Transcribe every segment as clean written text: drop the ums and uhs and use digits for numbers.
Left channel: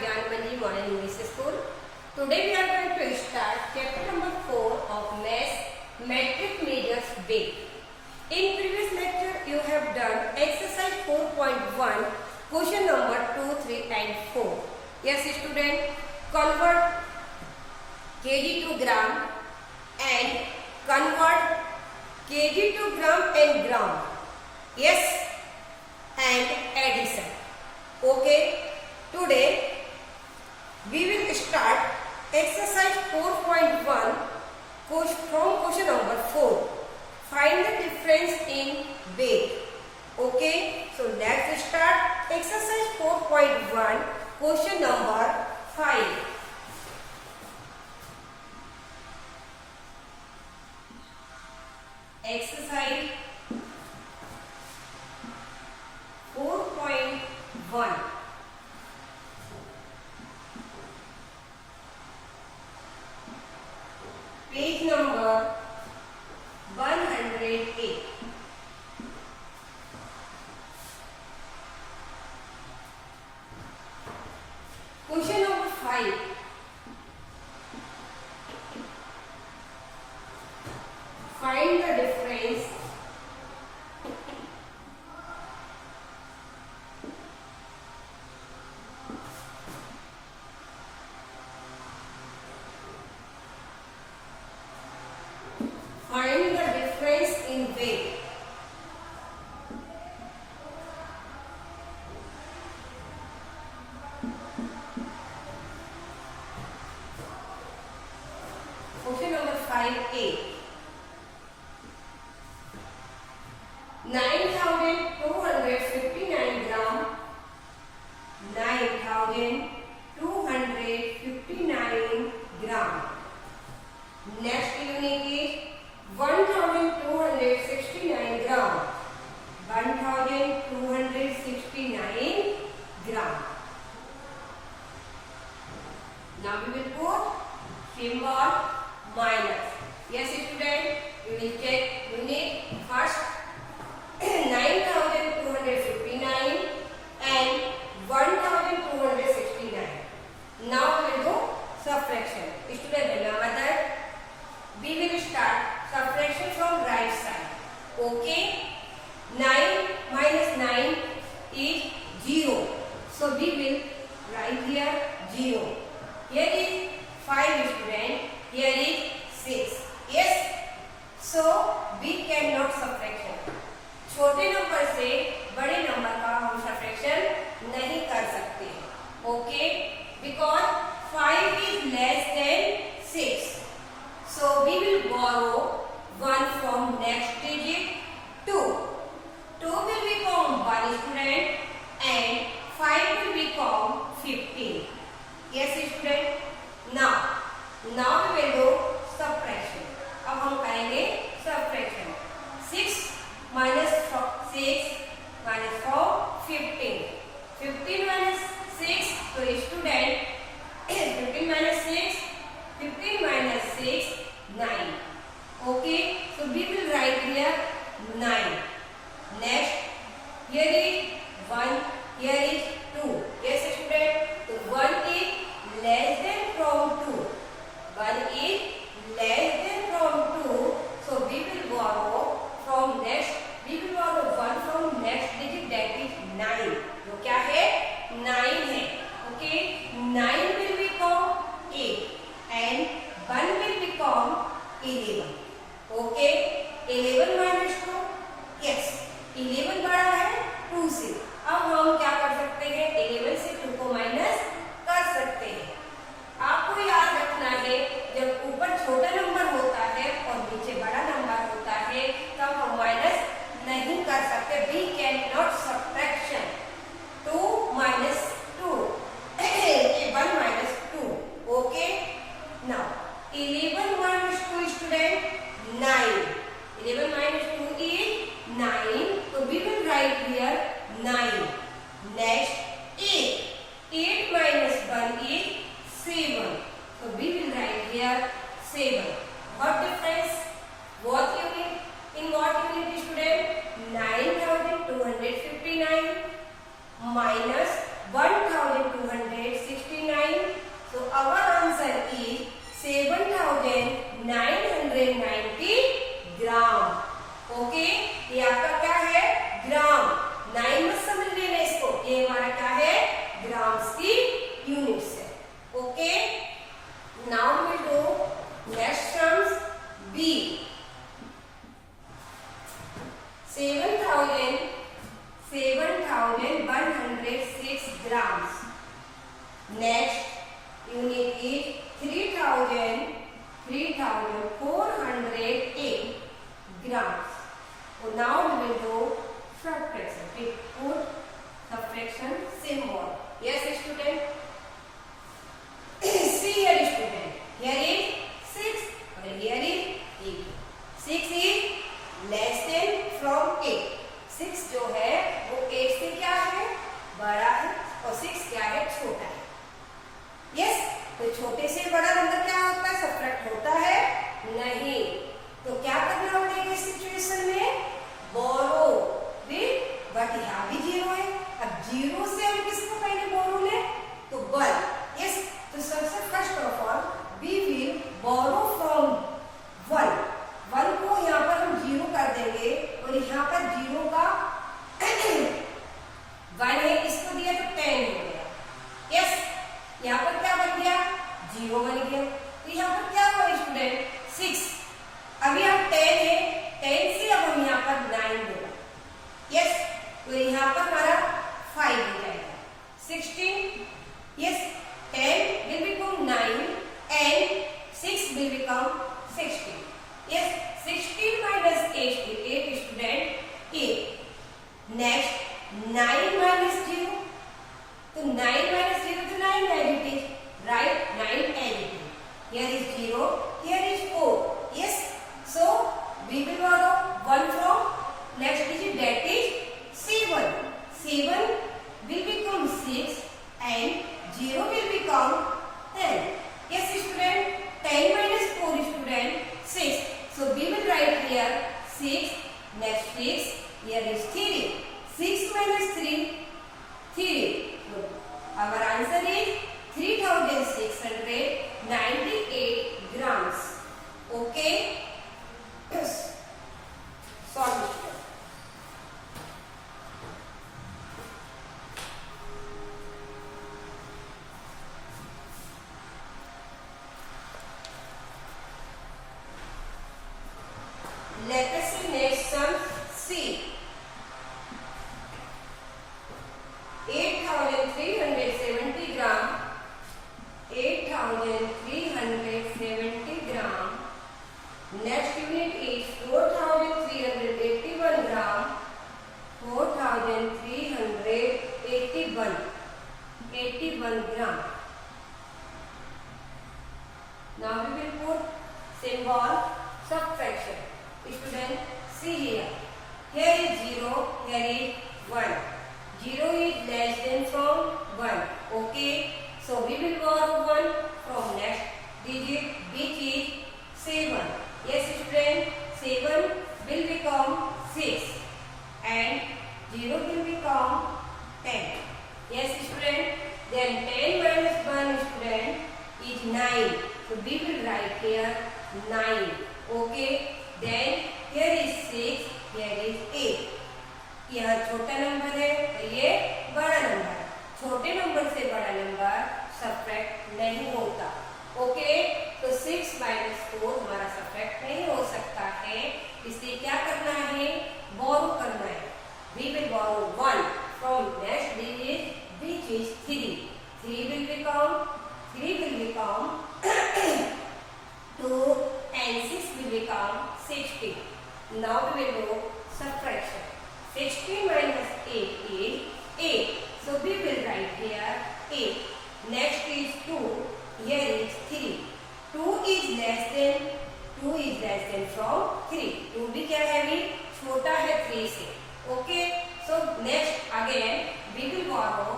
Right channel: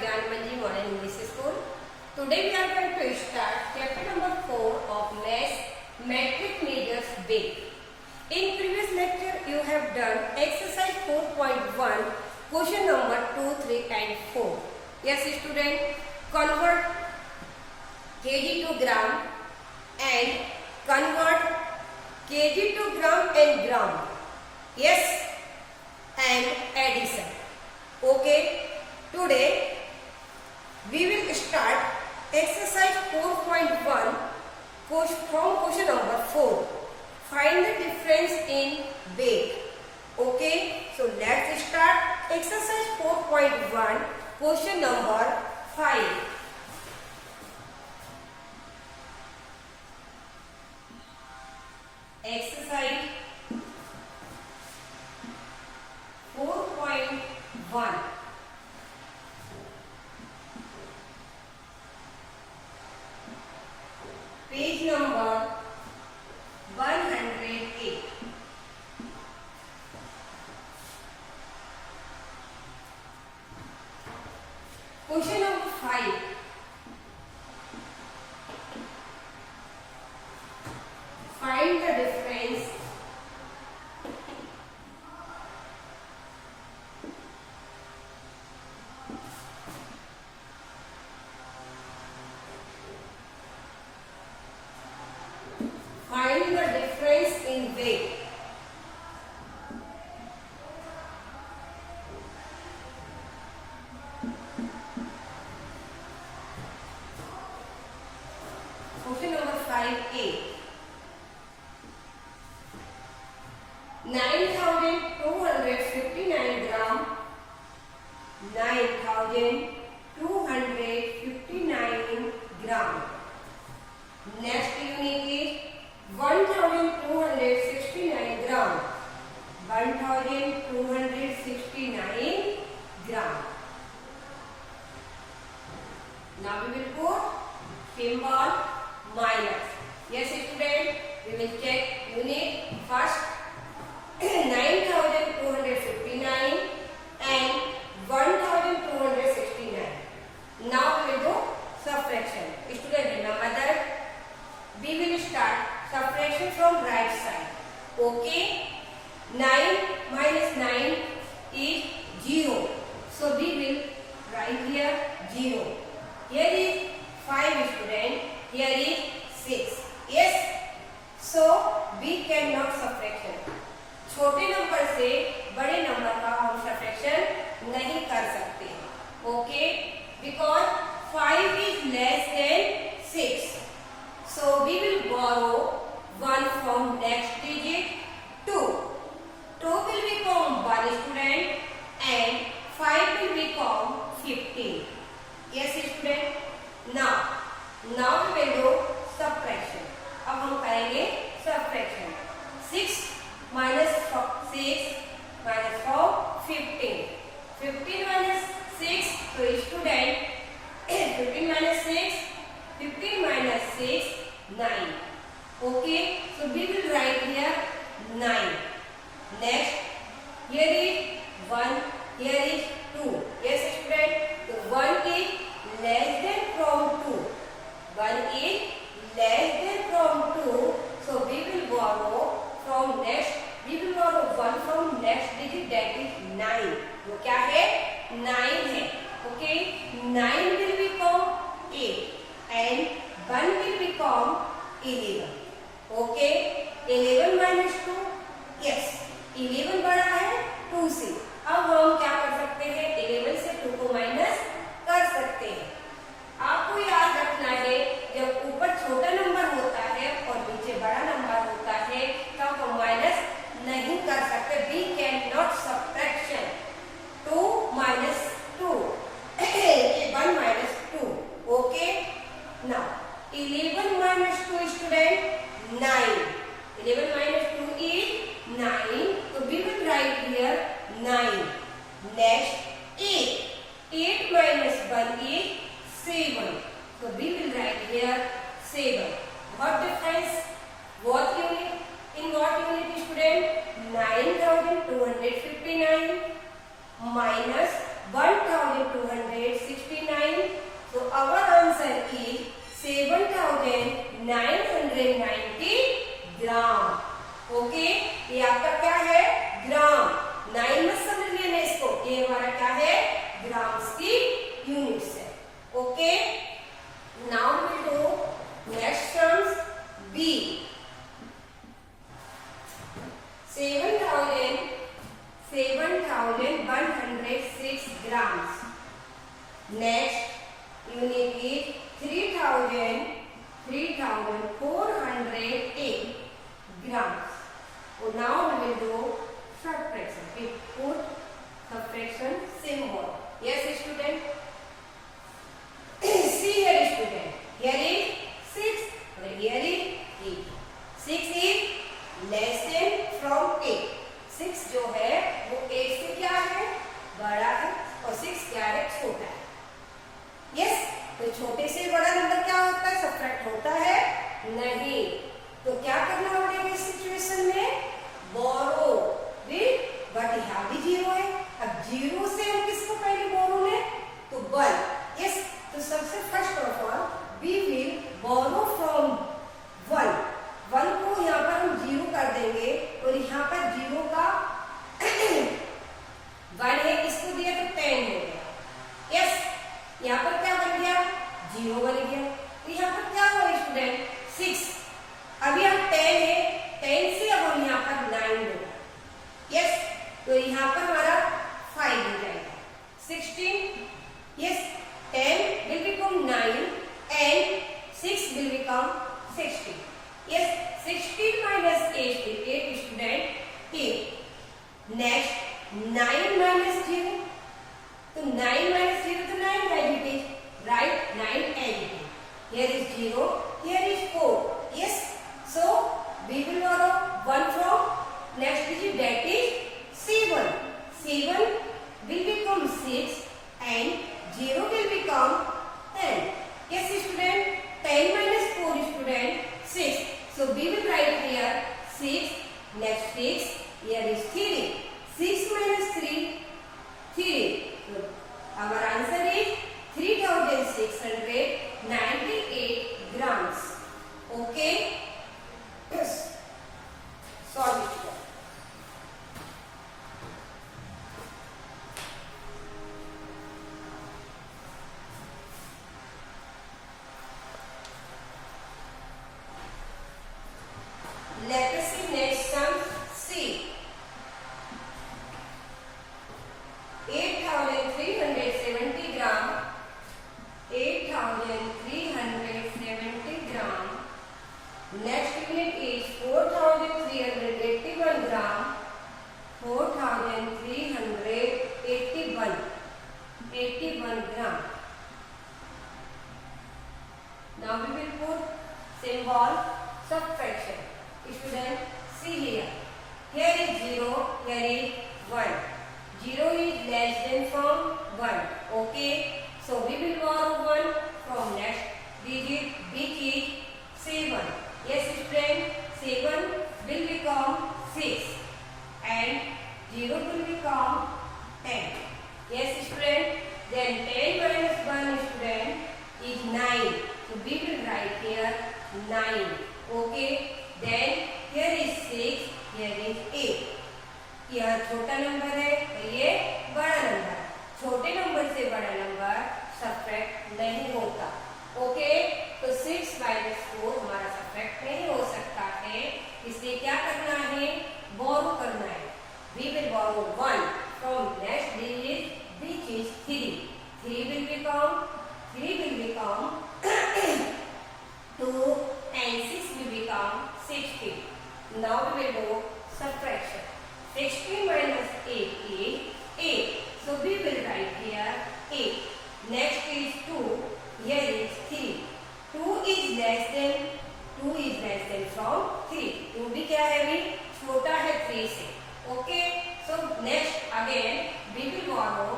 Gyan Manji Modern English School. Today we are going to start chapter number 4 of Maths Metric Measures Big. In previous lecture you have done exercise 4.1 question number 2, 3 and 4. Yes student, convert kg to gram and convert kg to gram and gram. Yes, and addition. Okay, today we will start exercise 4.1 from question number 4. Find the difference in weight. Okay, so let's start exercise 4.1 question number 5. Exercise 4.1. Page number 108. Question number 5. Find the difference in weight. Question number 5A. 9,259 gram. 9,259 gram. Next unit is 1,269 gram. 1,269 gram. Now we will put symbol minus. Yes student, we will check unit first. 9,259 and 1,269. Now we will do subtraction. Student, remember that we will start subtraction from right side. Okay, 9 minus 9 is 0. So we will write here 0. Here is 5 student. Here is 6. Yes. So we cannot subtraction. छोटे number से बड़े number का हम subtraction नहीं कर सकते. Okay, because 5 is less than 6. So we will borrow 1 from next digit 2. 2 will become 1 student and 5 will become 15. Yes student. Now we will do subtraction. अब हम करेंगे subtraction. 6 minus 6 minus 4 15. 15 minus 6 to student 15 minus 6 15 minus 6 9. Okay, so we will write here 9. Next, here is 1, here is 2. Yes student, so 1 is less than from 2. 1 is less than from 2. So we will borrow from next, we will borrow 1 from next digit, that is 9. वो क्या है? 9 है. Okay, 9 will become 8 and 1 will become 11. Okay, 11 minus 2. Yes, 11 बड़ा है 2 से. अब हम क्या कर सकते हैं? 11 से 2 को माइनस कर सकते हैं. आपको याद रखना है, जब ऊपर छोटा नंबर होता है और नीचे बड़ा नंबर होता है तब हम माइनस नहीं कर सकते. We cannot subtraction 2 minus 2. 1 minus 2. Okay. Now 11 minus 2 student 9. 11 minus 2 is 9. So we will write here 9. Next 8. 8 minus 1 is 7. So we will write here 7. What difference? What unit? In what unit student? 9,259 minus 1,269 Next unit is 3,408 grams. So now we will do subtraction. We put subtraction symbol. Yes, student. See here, student. Here is 6 and here is 8. 6 is less than from 8. 6 जो है वो 8 से क्या है, बड़ा है, और 6 क्या है, छोटा है. यस, तो छोटे से बड़ा नंबर क्या होता है, सब्ट्रैक्ट होता है नहीं. तो क्या करना पड़ेगा इस सिचुएशन में, बोरो विद, बट यहाँ भी 0 है. अब 0 से हम किसको पहले बोरो में, तो 1. यस, तो सबसे first of all we will borrow from 1. 1 को यहाँ पर हम 0 कर देंगे और यहाँ पर 0 का 1 है, इसको दिया तो 10 हो गया. यस, यहाँ पर क्या बन गया, 0 बन गया. तो यहाँ पर क्या हुआ स्टूडेंट, 6. अभी हम 10 है, 10 से अब हम यहाँ पर 9 होगा. यस, तो यहाँ पर हमारा 5 हो जाएगा. 16. Yes, 10 will become 9 and 6 will become 16. Yes, 16 minus 8 student 8. Next 9 minus 0. So 9 minus 0 to 9 as it is. Right, 9 as it is. Here is 0, here is 4. Yes, so we will borrow 1 from next digit, that is 7. 7 will become 6 and 0 will become 10. Yes student, 10 minus 4 student 6. So we will write here 6, next 6, here is 3. 6 minus 3, 3. So our answer is 3,698 grams. Okay? Solve it. Let us see next sum C. 8,370 gram. 8,370 gram. Next unit is 4,381 gram. 4,381 gram. Now we will put symbol subtraction. Student, see here. Here is 0, here is 1. 0 is less than from 1. Okay, so we will borrow 1 from next digit, which is 7. Yes student, 7 will become 6 and 0 will become 10. Yes student, then 10 minus 1 student is 9. So we will write here 9. Okay, then here is 6, here is 8. यह छोटा number है और ये बड़ा number. छोटे number से बड़ा number subtract नहीं होता. ओके, तो 6 minus 4 हमारा सब्ट्रैक्ट नहीं हो सकता है. इसलिए क्या करना है, बोरो करना है. We will borrow 1 from next digit, which is 3. 3 will become 2 and 6 will become 16. Now we will do subtraction. 16 minus 8 is 8. So we will write here 8. Next is 2. Here is 3. 2 is less than from 3. 2 भी क्या है, भी छोटा है 3 से. Okay. So next again we will borrow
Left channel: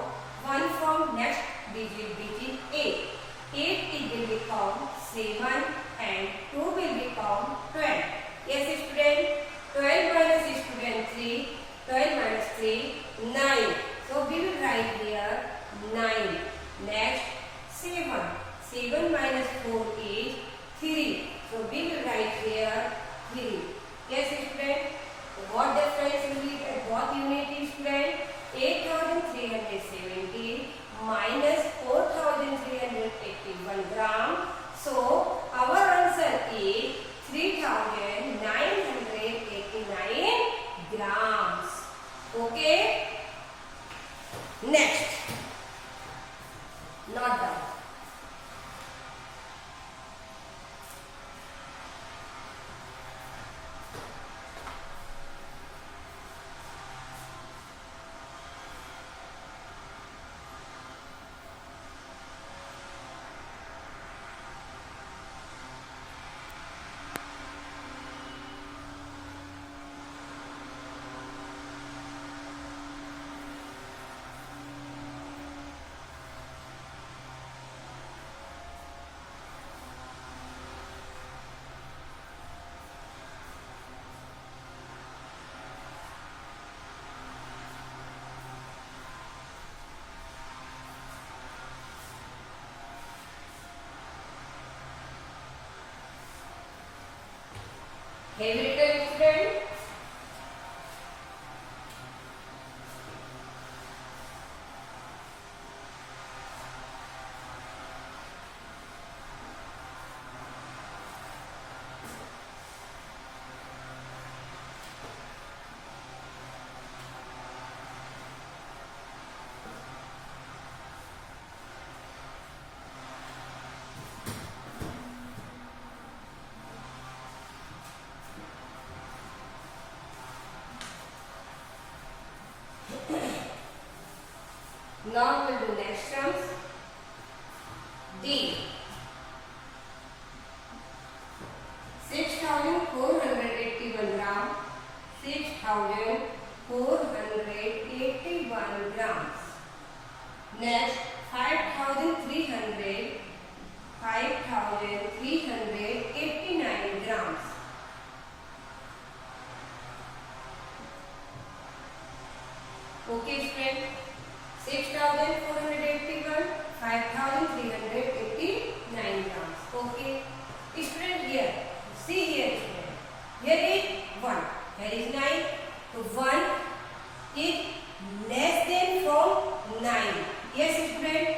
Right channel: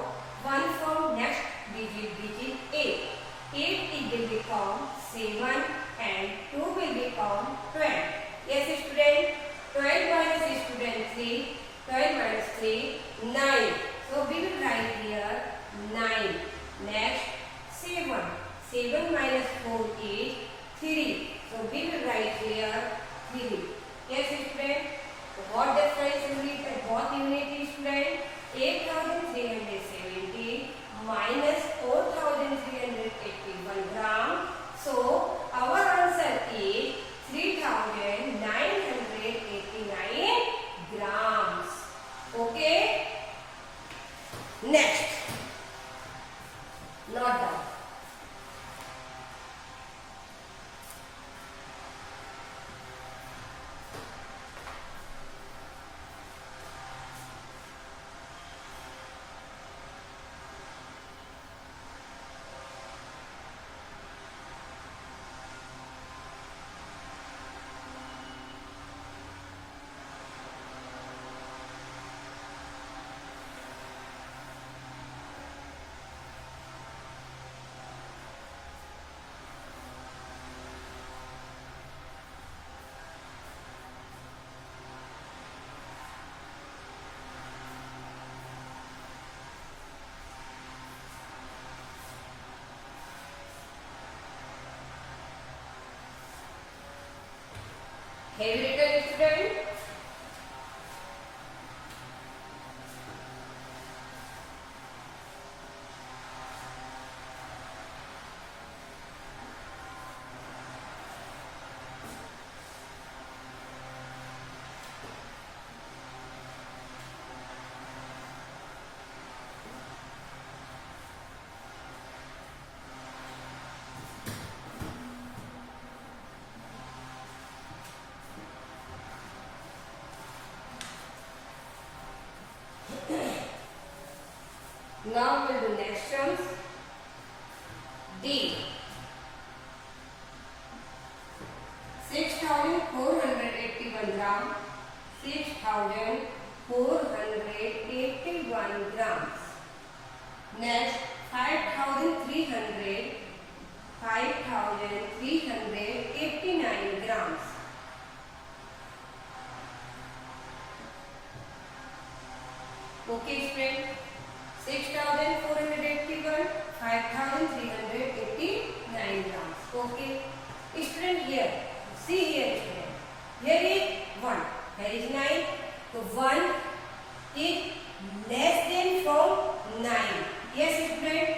1 from next digit, which is 8. 8 it will become 7 and 2 will become 12. Yes student, 12 minus student 3, 12 minus 3, 9. So we will write here 9. Next 7. 7 minus 4 is 3. So we will write here 3. Yes student, what difference what unit is student? 8,370 minus 4,381 gram. So our answer is 3,989 grams. Okay. Next, not done. Have you written, student? Now we'll do next terms. D. 6,481 gram. 6,481 grams. Next, 5,300. 5,389 grams. Okay, friend. 6,481, 5,389 grams. Okay. Student here. See here, student. Here is 1. Here is 9. So 1 is less than from 9. Yes, student.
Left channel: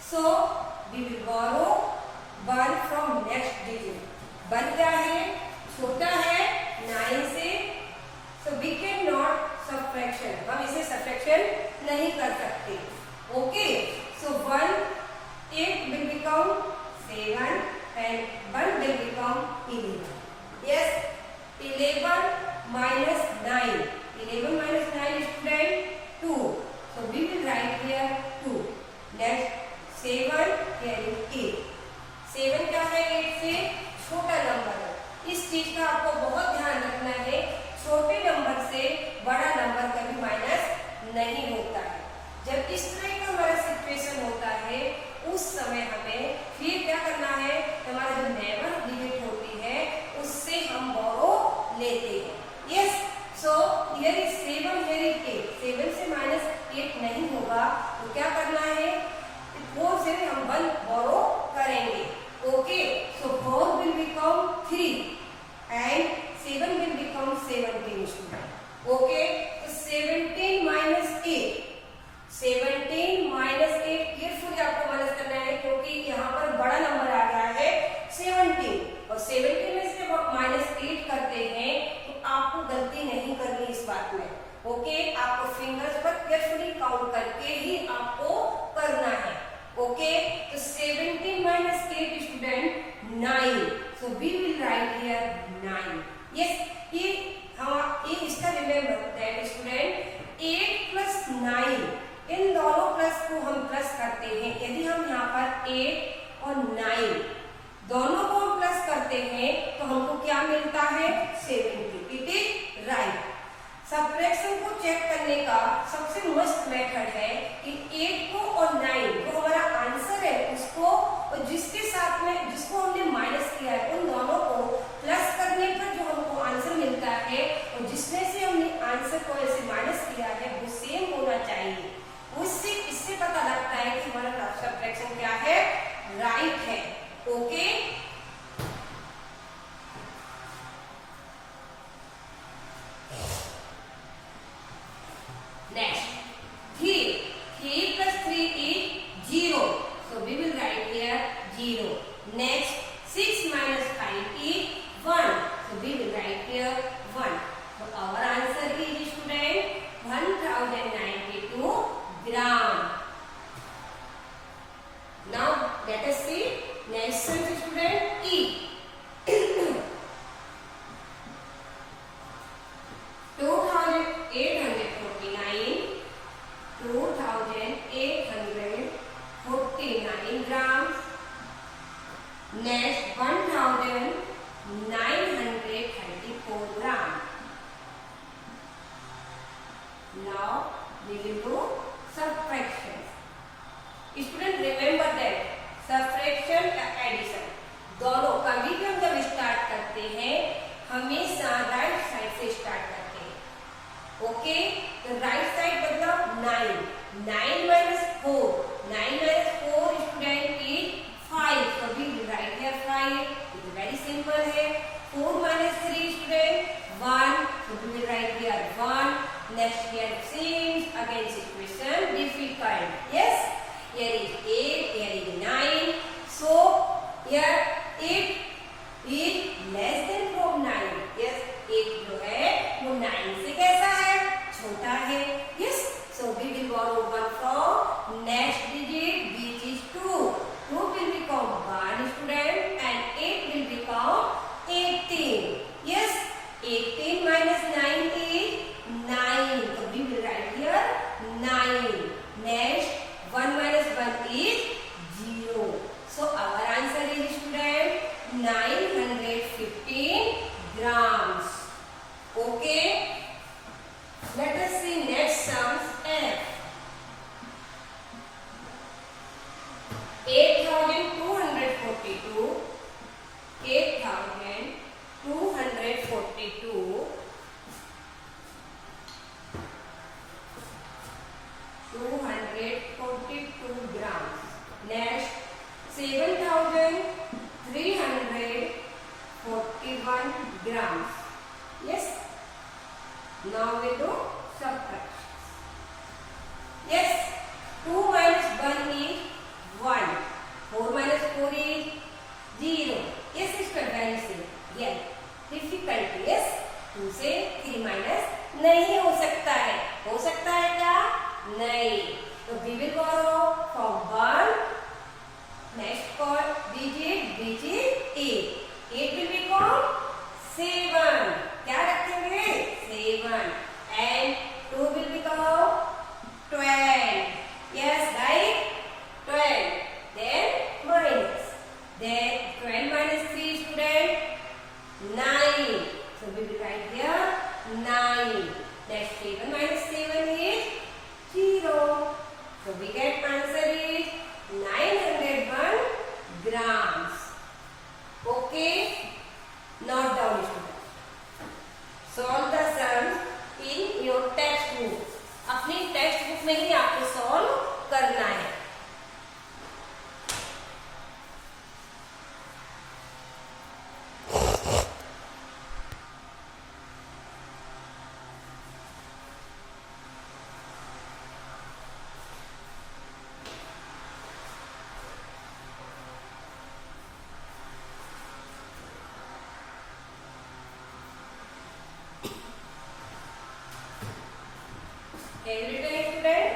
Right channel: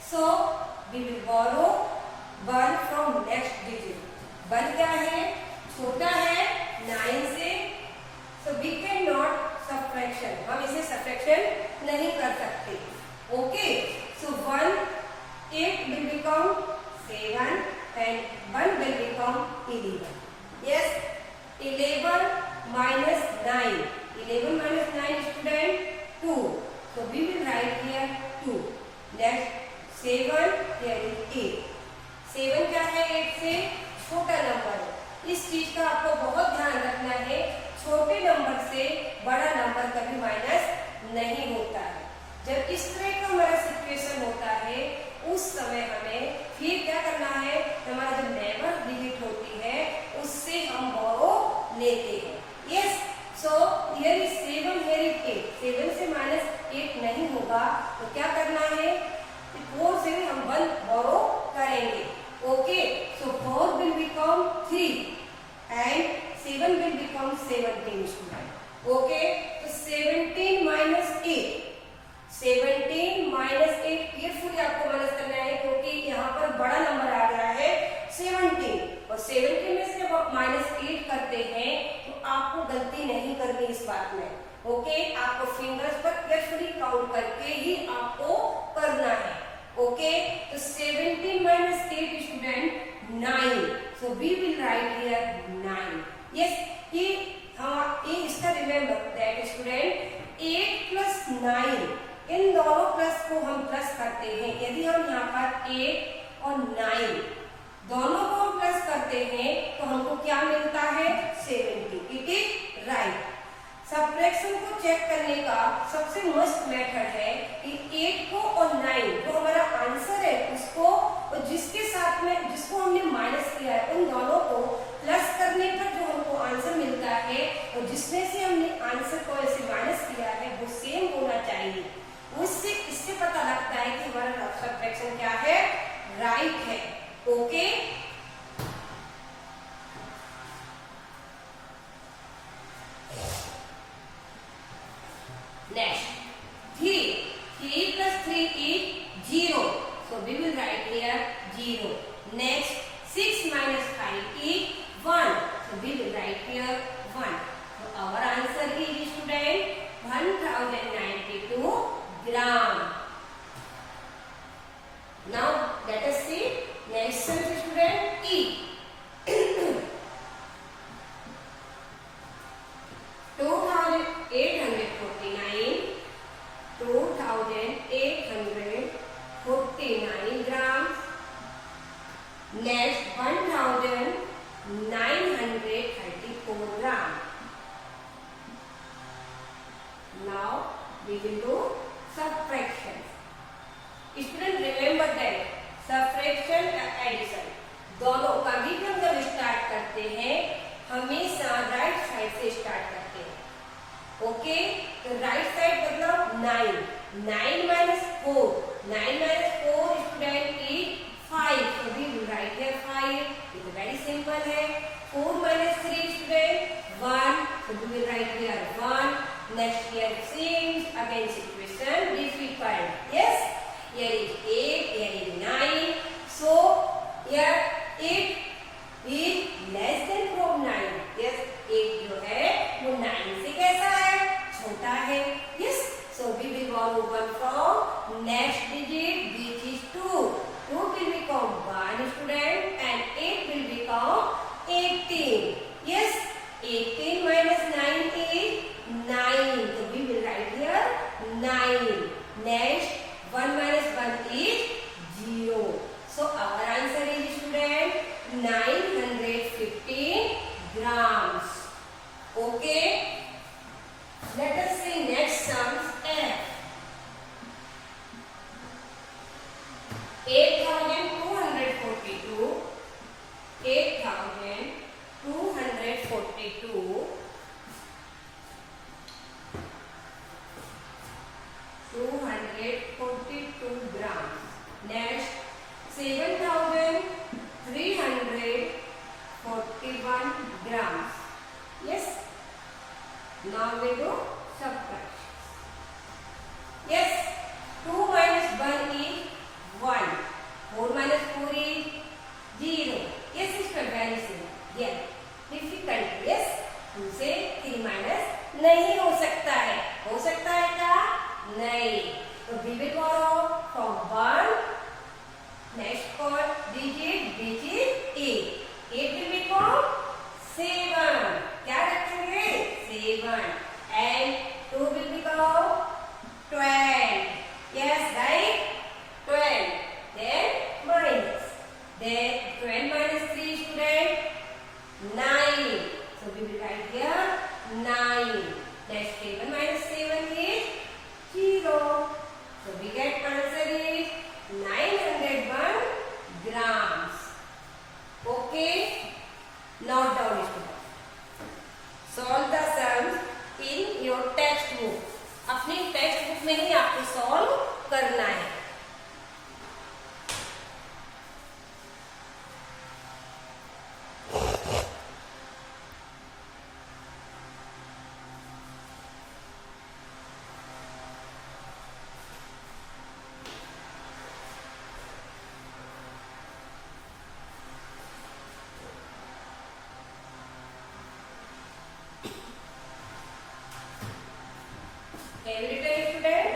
So we will borrow 1 from next digit. 1 क्या है? छोटा है 9 से. So we cannot subtraction. हम इसे subtraction नहीं कर सकते. Okay. So 1, 8 will become 7 and 1 will become 11. Yes. 11 minus 9. 11 minus 9 is student 2. So we will write here 2. Next 7 here is 8. 7 क्या है? 8 से छोटा नंबर है. इस चीज का आपको बहुत ध्यान रखना है. छोटे नंबर से बड़ा नंबर कभी माइनस नहीं होता है. जब इस तरह का हमारा सिचुएशन होता है उस समय हमें फिर क्या करना है? हमारा जो नेबर डिजिट होती है उससे हम बोरो लेते हैं. Yes. So here is 7, here is 8. 7 से माइनस 8 नहीं होगा तो क्या करना है? 4 से हम 1 बोरो करेंगे. Okay. So 4 will become 3 and 7 will become 17 student. Okay. So 17 minus 8. 17 minus 8 carefully आपको माइनस करना है क्योंकि यहाँ पर बड़ा नंबर आ गया है 17 और 17 में से जब आप -8 करते हैं तो आपको गलती नहीं करनी इस बात में. ओके. आपको फिंगर्स पर केयरफुली काउंट करके ही आपको करना है. ओके. तो 17 minus 8 student 9. So we will write here 9. Yes. ये इसका रिमेम्बर दैट स्टूडेंट 8 plus 9 इन दोनों प्लस को हम प्लस करते हैं. यदि हम यहाँ पर 8 और 9 दोनों को प्लस करते हैं तो हमको क्या मिलता है? 70. It is right. सब्ट्रैक्शन को चेक करने का सबसे मस्त मेथड है कि 8 को और 9 जो हमारा आंसर है उसको और जिसके साथ में जिसको हमने माइनस किया है उन दोनों को प्लस करने पर जो हमको आंसर मिलता है और जिसमें से हमने आंसर को ऐसे माइनस किया है वो सेम होना चाहिए. उससे इससे पता लगता है कि हमारा सब्ट्रैक्शन क्या है? राइट है. Okay. Next, 3. 3 plus 3 is 0. So we will write here 0. Next, 6 minus 5 is 1. So we will write here 1. So our answer is student 1092 gram. Now let us see next sum student E. 2849 grams. Next 1934 grams. Now we will do subtraction. Student remember that subtraction या addition दोनों कभी भी हम जब start करते हैं हमेशा right side से स्टार्ट करते हैं. ओके, तो राइट साइड मतलब 9. 9 minus 4. 9 minus 4 student is 5. So we will write here 5. It is very simple है. 4 minus 3 student 1. So we will write here 1. Next here seems again situation difficult. Yes. Here is 8. Here is 9. So here 8 is less than from 9. Yes. 8 जो है वो 9 से कैसा है? छोटा है. Yes. So we will borrow 1 from next digit which is 2. 2 will become 1 student and 8 will become 18. Yes. 18 minus 9 is 9. So we will write here 9. Next 1 minus 1 is 0. So our answer is student 915 grams. Okay. Let us see next sums F. 8242. 8242. 242 grams. Next 7341 grams. Yes. Now we do subtraction. Yes. 2 minus 1 is 1. 4 minus 4 is 0. Yes, sister, very simple. Yes. Difficult. Yes. 2 से 3 minus नहीं हो सकता है. हो सकता है क्या? नहीं. तो we will borrow from 1. Next call digit which is 8. 8 will become 7. क्या रखेंगे? 7. And 2 will become 12. Yes, right? 12. Then minus. Then 12 minus 3 student 9. So we will write here 9. Next 7 minus 7 is 0. So we get answer is 901 grams. Okay. Note down student. Solve the sums in your textbook. अपनी text book में ही आपको solve करना है. Every day student.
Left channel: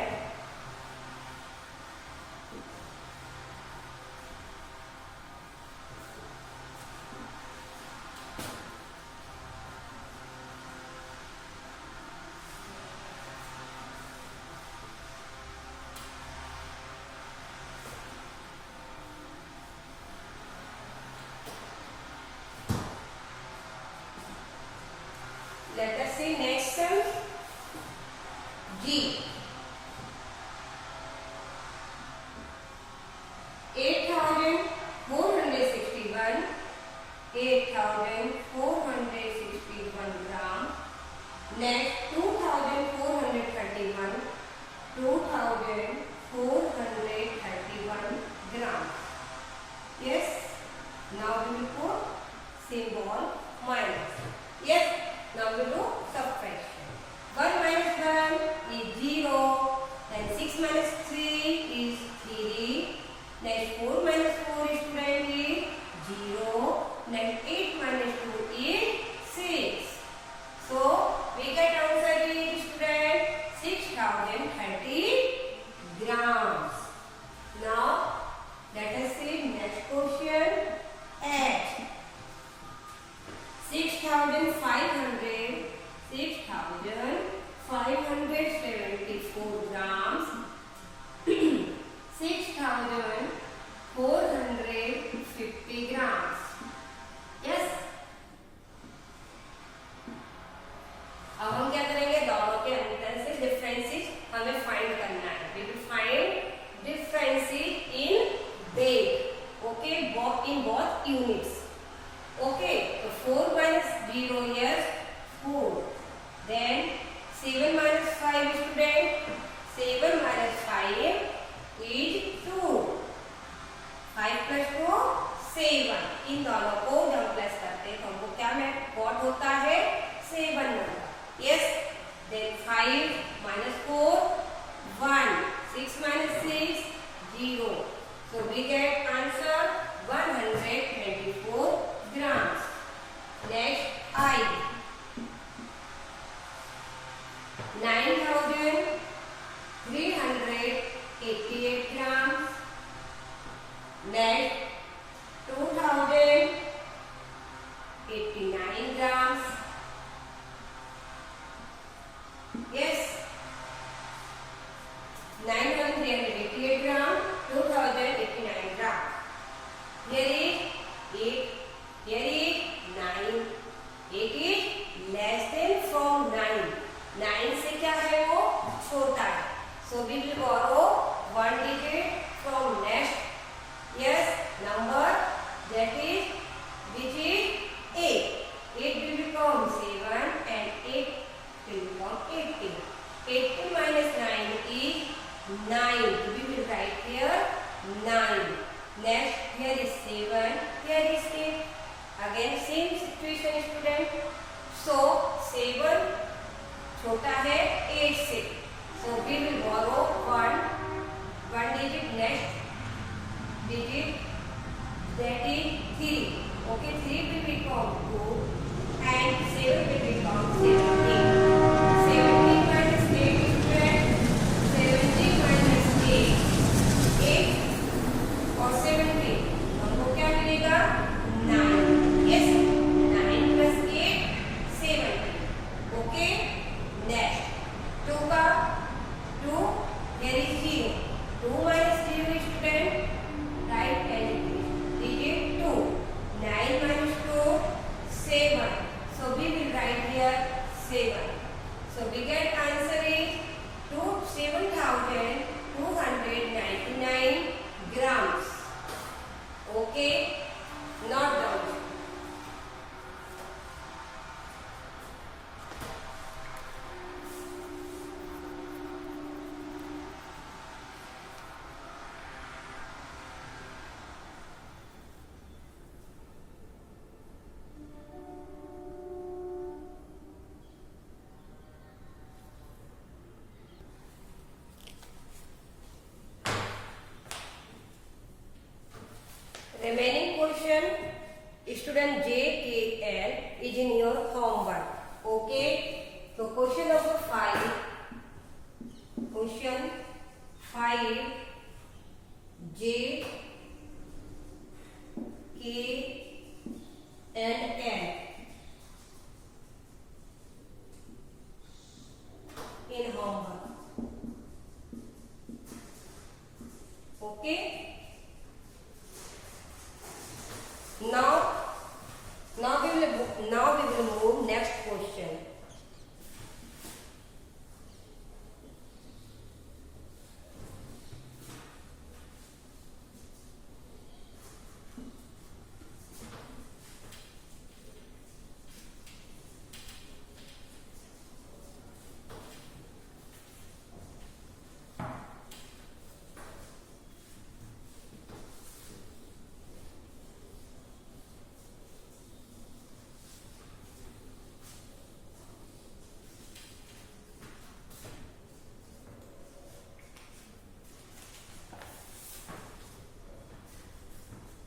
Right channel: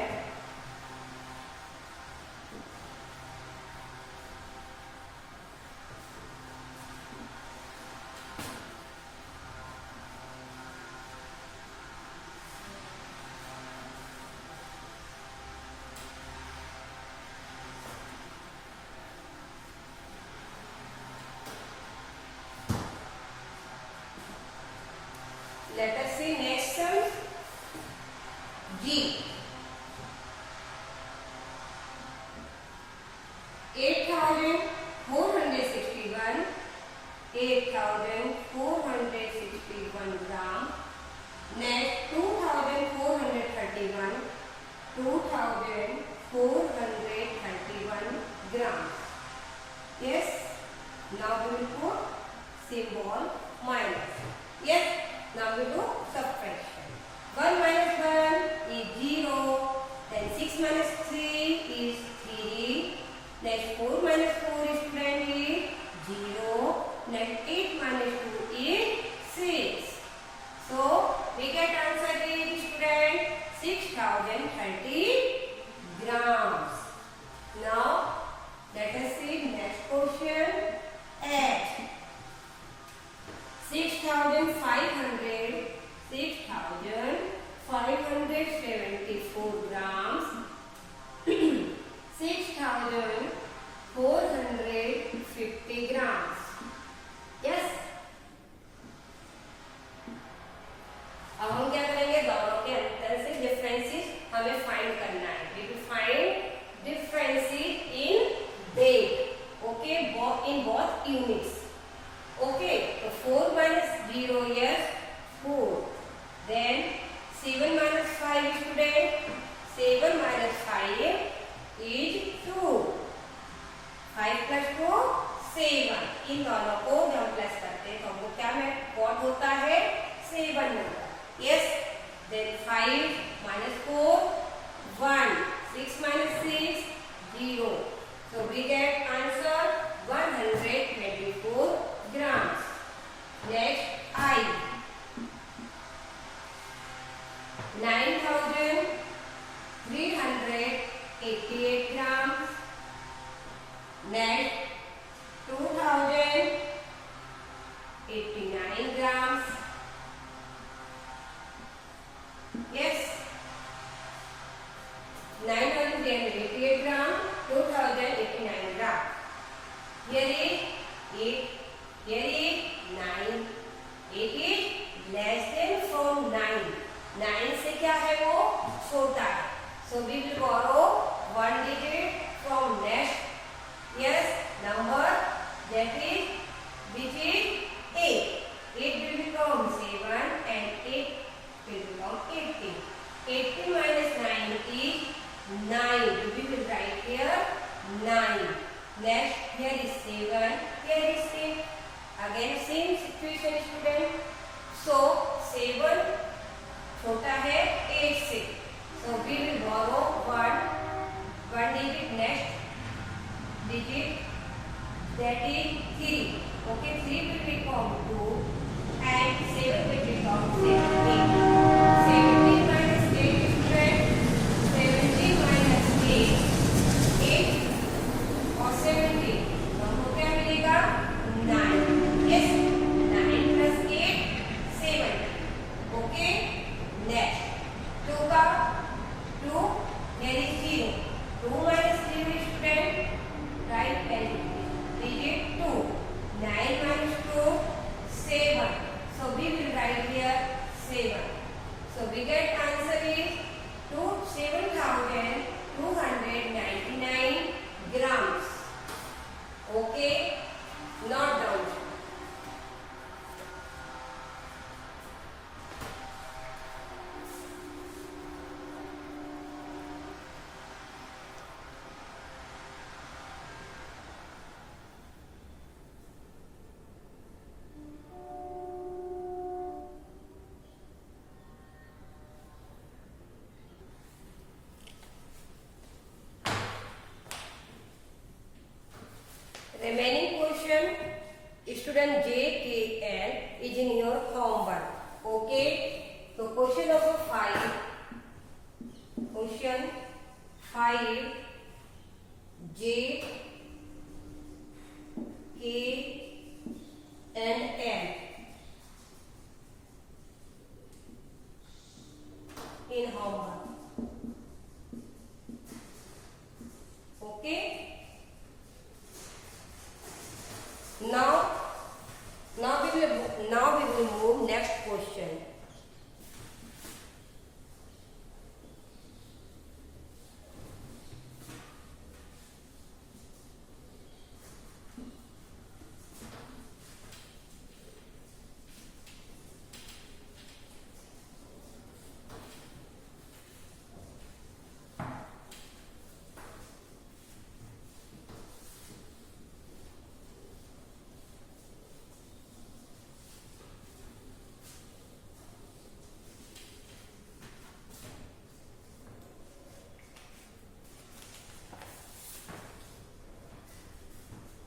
Let us see next sum. G. 8461. 8461 grams. Next 2431. 2431 grams. Yes. Now we will put symbol minus. Yes. Now we do subtraction. 1 minus 1 is 0. Then 6 minus 3 is 3. Next 4 minus 4 is 20. 0. Next 8 minus 2 is 6. So we get answer is student 6030 grams. Now let us see units. Okay, so 4 minus 0 is 4. Then 7 minus 5 student, 7 minus 5 is 2. 5 plus 4 7. इन दोनों को जब हम plus करते हैं तो हमको क्या what होता है 7 number. Yes, then 5 minus 4 1. 6 minus 6 0. So we get answer 124 grams. Next I 9,388 grams. Next 2,089 grams. Yes, 9,388 grams, 2,089 grams. Here is 8, here is 9. 8 is less than from 9. 9 से क्या है वो छोटा है. So we will borrow 1 digit from next yes number, that is which is 8. 8 will become 7 and 8 will become 18. 18 minus 9 is 9. We will write here 9. Next, here is 7, here is 8. Again same situation student. So 7 छोटा है 8 से. So we will borrow 1 digit next digit, that is 3. Okay, 3 will become 2 and 7 will become 17. 17 minus 8 is 17 minus 8 और 17 हमको क्या मिलेगा 9. Yes, 9 plus 8 17. Okay, next 2 का 2, there is 0. 2 minus 0 is student, right, and digit 2. 9 minus 2 7. So we will write here 7. So we get answer is 7,299 grams. Okay, not down. Remaining question, student JKL is in your homework. Okay, so question number 5. Question 5. J, K and L in homework. Okay. Now we will move next question.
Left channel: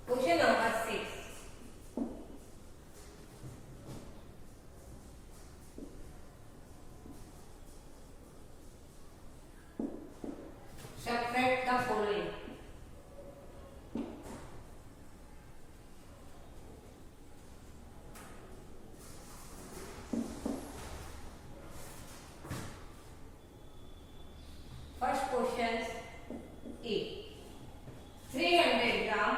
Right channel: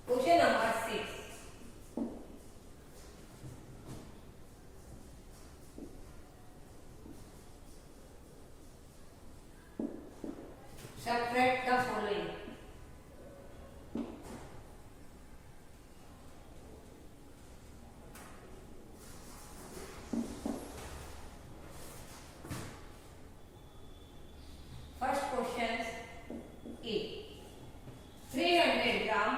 Question number 6. Separate the following. First question A. 300 gram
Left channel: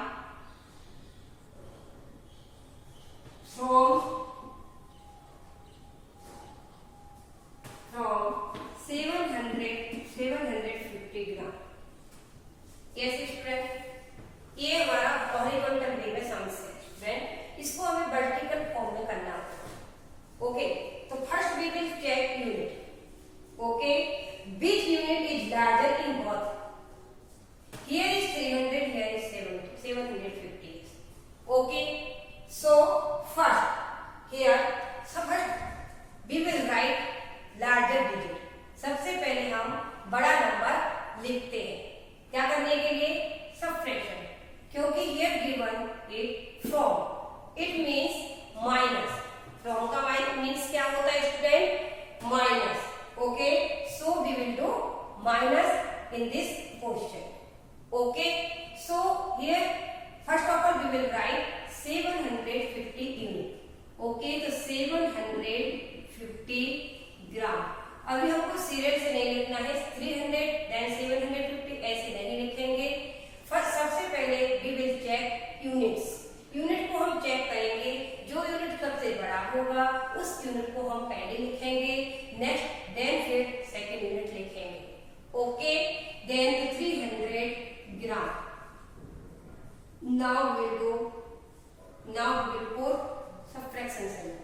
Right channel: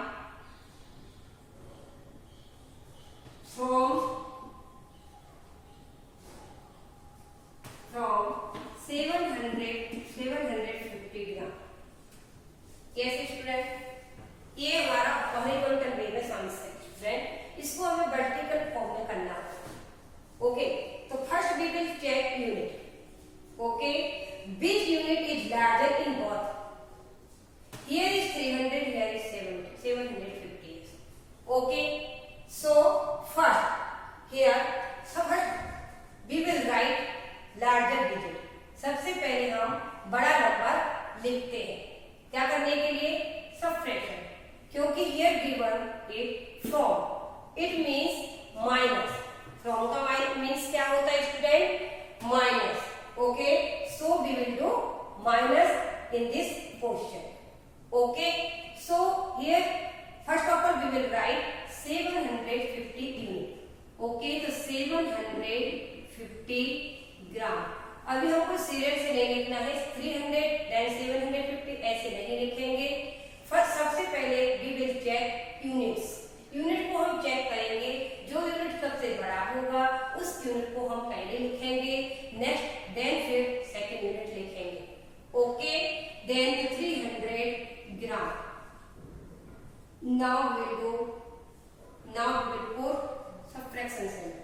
from 750 gram. कैसे student, ये हमारा horizontal वे में सम है, Okay, so first here, we will write larger digit. सबसे पहले हम बड़ा number लिखते हैं। क्या करने के लिए? सबट्रैक्शन। क्योंकि here given it from, it means minus. From का means क्या होता है student? Minus. Okay, so we will do minus in this question. Okay, so here first of all we will write 750 unit. Okay, तो 750 ग्राम। अभी हमको serial से नहीं लिखना है, 300 देन 750 ऐसे नहीं लिखेंगे। फर्स्ट सबसे पहले we will check units. Unit को हम चेक करेंगे, जो यूनिट सबसे बड़ा होगा उस यूनिट को हम पहले लिखेंगे, नेक्स्ट देन फिर सेकंड यूनिट लिखेंगे। Okay, then 300 gram. Now we will put subtraction sign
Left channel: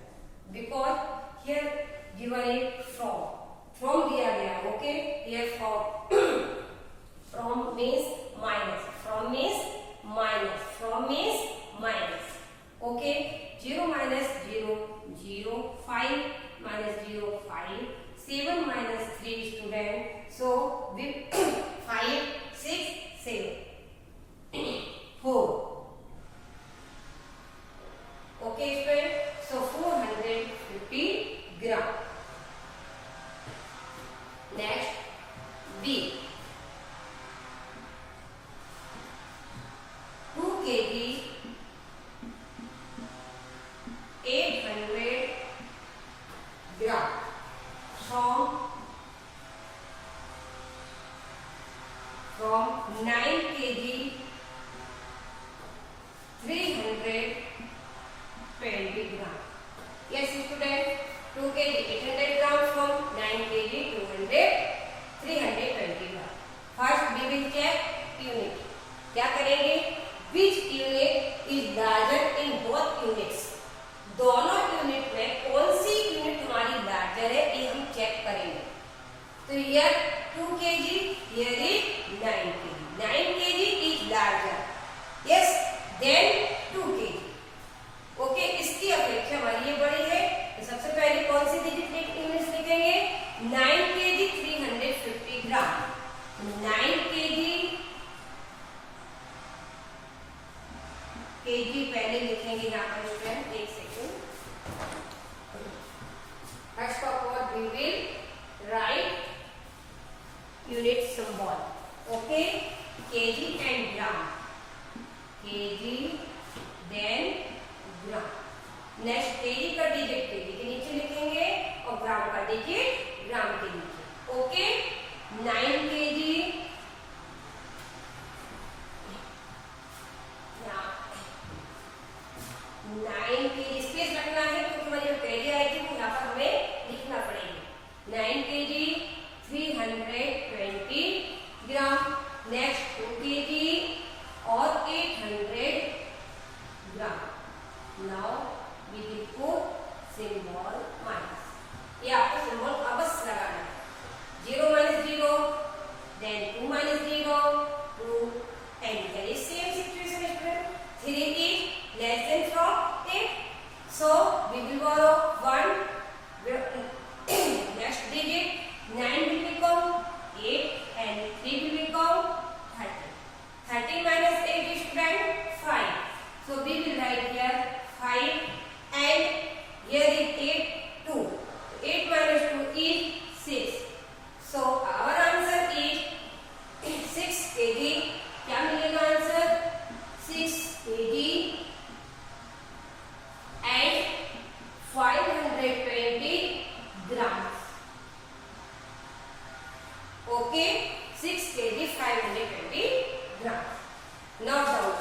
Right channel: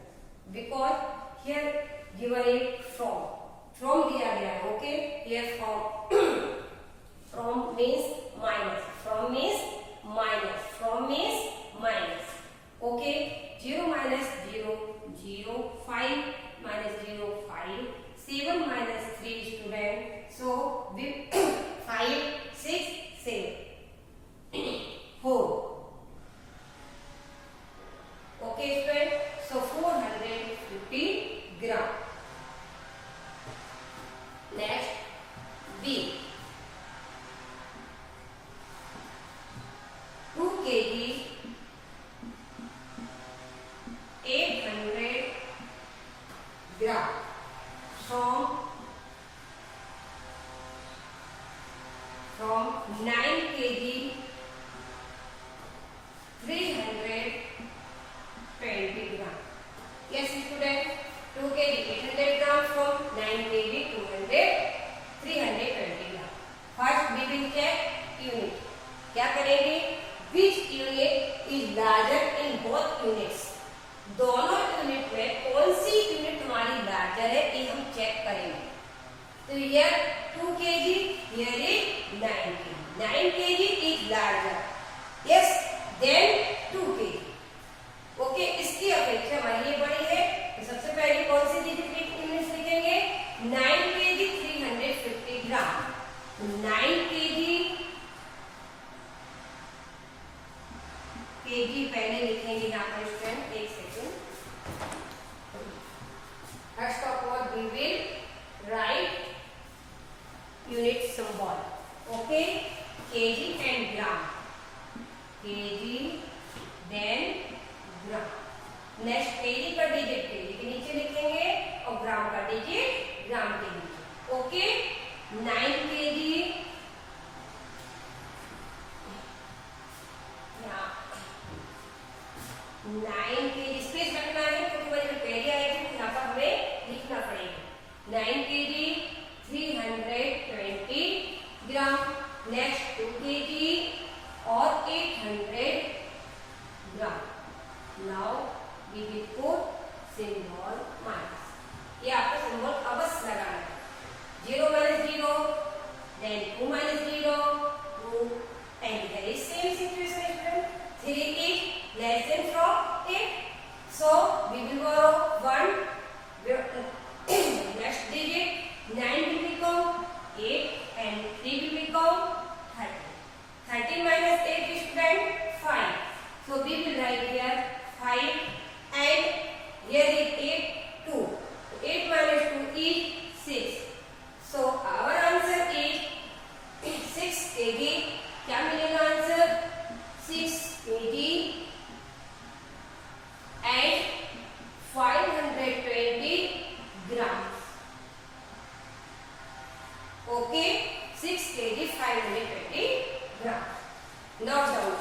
because here given it from दिया गया है। Okay, here from means minus, from means minus। Okay, 0 minus 0 0, 5 minus 0 5, 7 minus 3 student, so with 5 6 7 4। Okay student, so 450 gram. Next B, 2 kg 800 gram from 9 kg 320 gram. Yes student, 2 kg 800 gram from 9 kg 320 gram. First we will check unit। क्या करेंगे? Which unit is larger in both units? दोनों unit में कौन सी unit हमारी larger है, ये हम check करेंगे। तो here 2 kg, here is 9 kg। 9 kg is larger, yes, then 2 kg। Okay, इसकी अपेक्षा हमारी ये बड़ी है, तो सबसे पहले कौन सी डिजिट यूनिट्स लिखेंगे? 9 kg 350 ग्राम। 9 kg पहले लिखेंगे यहाँ पर स्टूडेंट, एक second. First of all we will write unit symbol. Okay, kg and gram, kg then gram. Next kg का डिजिट kg के नीचे लिखेंगे और ग्राम का डिजिट ग्राम के नीचे। ओके, 9 kg 9 kg स्पेस रखना है क्योंकि मुझे पहले आई थी, यहाँ पर हमें लिखना पड़ेगा। 9 kg 320 ग्राम। नेक्स्ट 2 kg और 800 ग्राम। Now we will put symbol minus. ये आपको सिंबल अवश्य लगाना है। 0 minus 0, then 2 minus 0, 2, and there is same situation student. 3 is less than from 8, so we will borrow 1. Next digit 9 will become 8 and 3 will become 13. 13 minus 8 is student 5, so we will write here 5 and here is 8 2. 8 minus 2 is 6. So our answer is 6 kg। क्या मिलेगा answer? 6 kg and 520 grams। Okay, 6 kg 520 grams। Note down।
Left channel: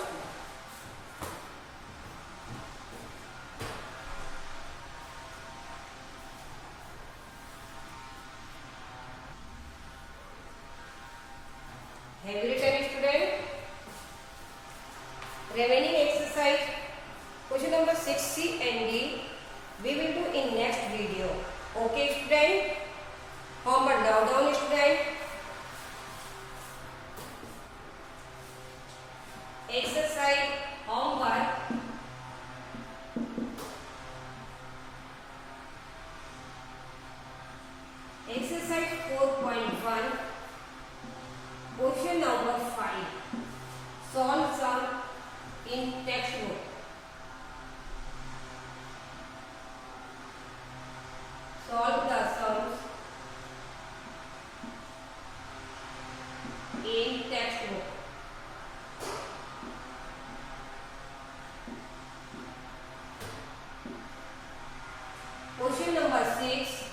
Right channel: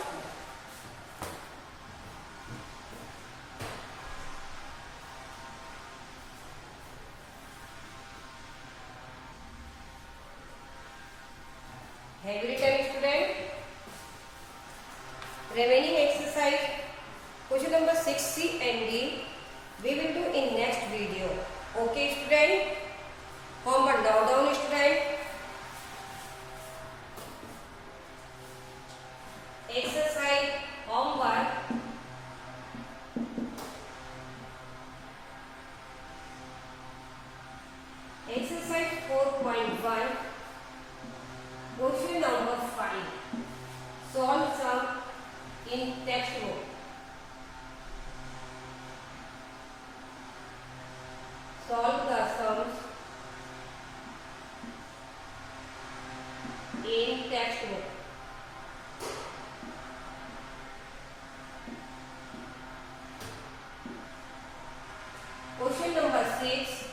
Have you written student? Remaining exercise question number 6C and D we will do in next video। Okay student, homework down student। Exercise homework 6